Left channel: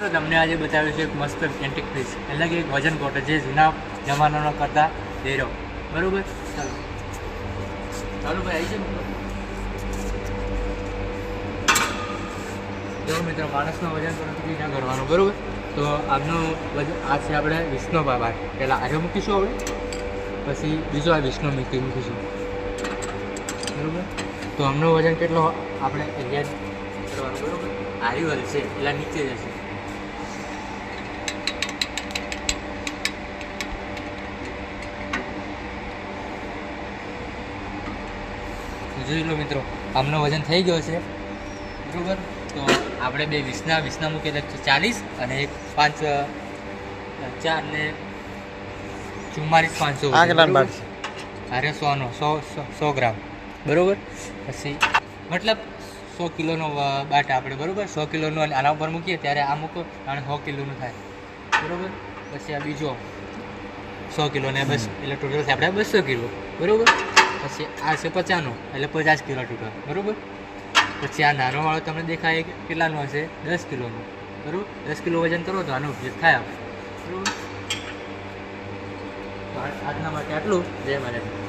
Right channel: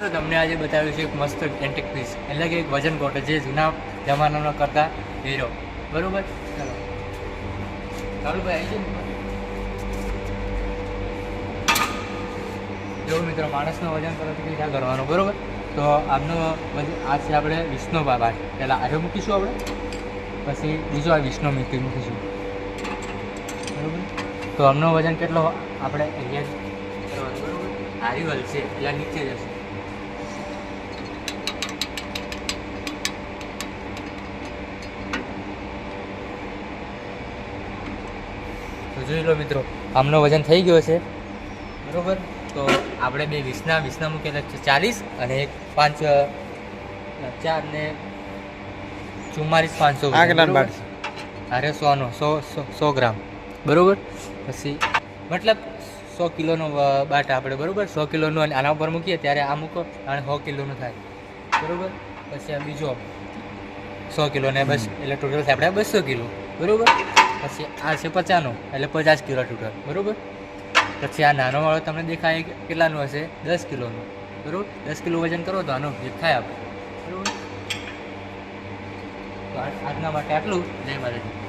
તમને આજે બતાવ્યું છે એક મસ્ત એન્ટિક પીસ એટલે કે એક વજન કોટો જે જૂના જમાનાનો કરતા હીરો. બરાબર, ચાલો ચાલો ભાઈ આવી જાય. જો મિત્રો, માણસનું વજન પરંતુ ના કરવાનું. બરાબર, તો આપનો વજન આ છે આપણે 20નો બાબા. પહેલાં આર્યો મૂકીશું આપણે, પછી બીજો આ 20નો મૂકીશું. બરાબર, તો આમનો વજન કેટલો આપણે એરિયા કરવાનું. બરાબર, આર્યું હલશે એટલે નીચે જશે. જોઈ લો મિત્રો, આમનો વજન થઈ ગયો છે. બરાબર, તો આપણે બે 20ના મૂકીએ તો 40 અને એક 5 4 ને 44 500. અરે 100 ગ્રામ. બરાબર, પછી મતલબ 100 કિલોનો બાટ આપણે. બરાબર, 100 કિલોનું અને આના ઉપર મૂકીએ ત્યારે આ મૂકો અને 100 કિલોનું થાય. બરાબર, પછી આ બીજો 100 કિલો ને બસ એટલે ટોટલ થાય આપણે 200 કિલો. બરાબર, પછી આ છે 50નો એટલે 50 કિલો ટોટલ. બરાબર, પછી આ નાનો વાળો તમને દેખાય કેટલાનો હશે? 10 કિલોનો. બરાબર, 10 કિલો વજન કરો તો આનો ઉપયોગ થાય આપણે. બરાબર, આજના માટે આટલું. જય માતાજી.